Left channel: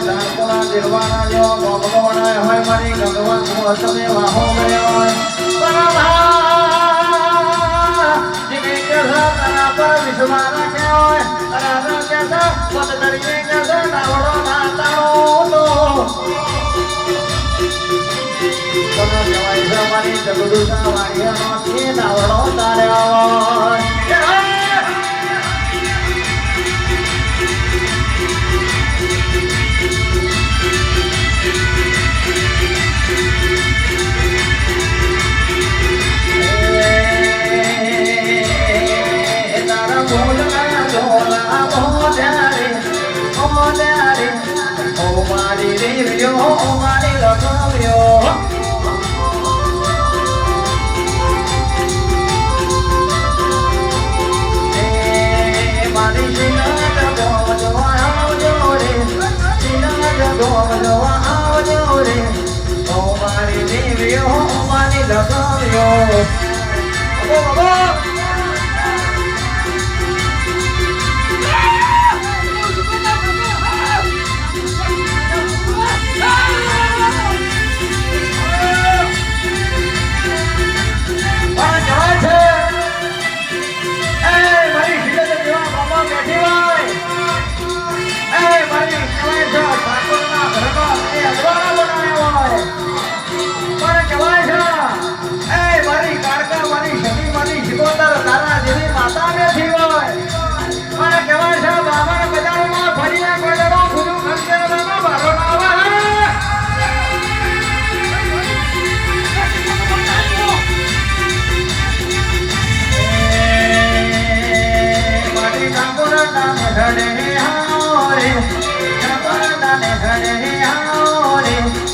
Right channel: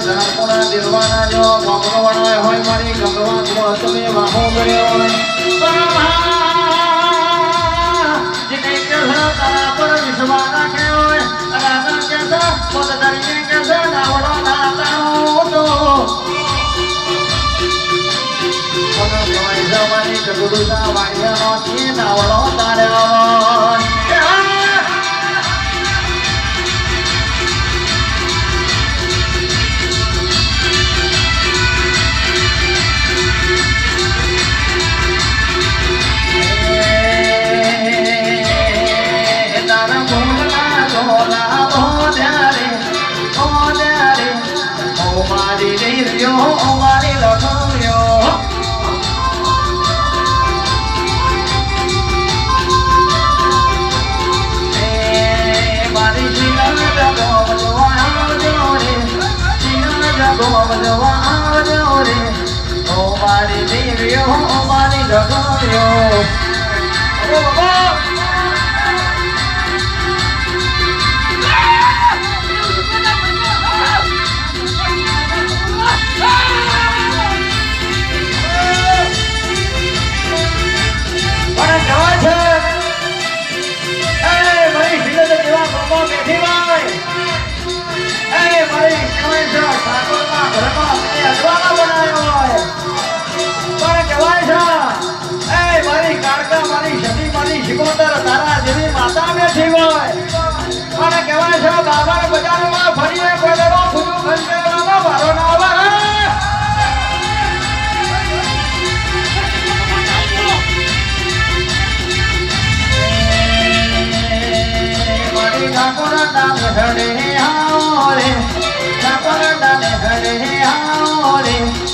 ધનપુરા દિલવાના જો ભગવાના હોય મારી ગંગવા ગુણ તમે વાહો ગયો હોય તારા પર વિશ્વાસ રાખ્યો હોય રાજા કેસે પદ ધરીને કેસે નાવડો ના તાણો તમે કહેવાય છે મારી જગડુના વાણિયાનો થી નાવડો તાર્યો મારી દેવીઓ મારી લગાવ્યો બાબા બજારમાં ફરીને ગોળો ફૂલ ખંડેવામાં મારો નામ મારી ઠાકોર નામ હડે હારે ઠાકોર નામ હડે હારે